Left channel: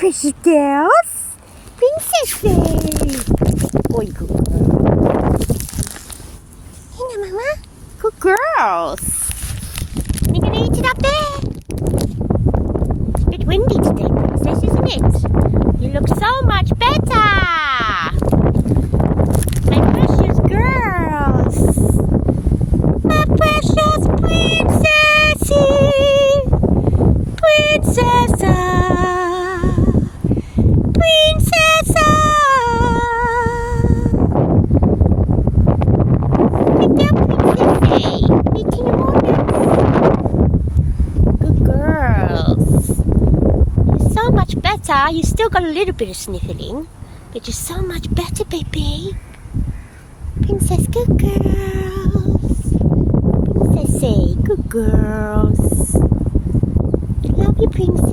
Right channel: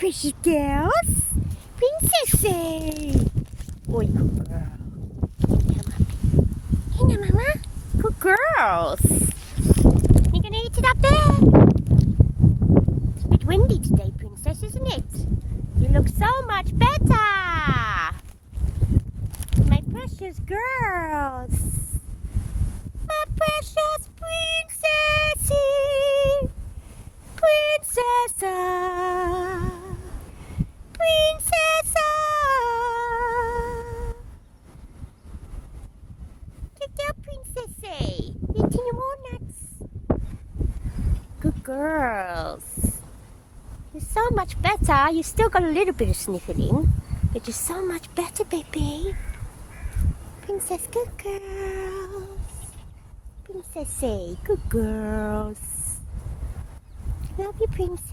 Precious girls. Princesses. 어이구. Hey, Mama. Good girls. You gonna eat it up there? It's a bit windy today, Princess, isn't it? You look so much better. My precious girls. My precious princesses. Princessa. Princessa. Good girl, Princessy. Eating your walnuts. Good girls. You're so much better. You still got a little bit of sniffling, but you're so much better, baby. Princess, good girls. Princessy, good girls. Love you, Princess.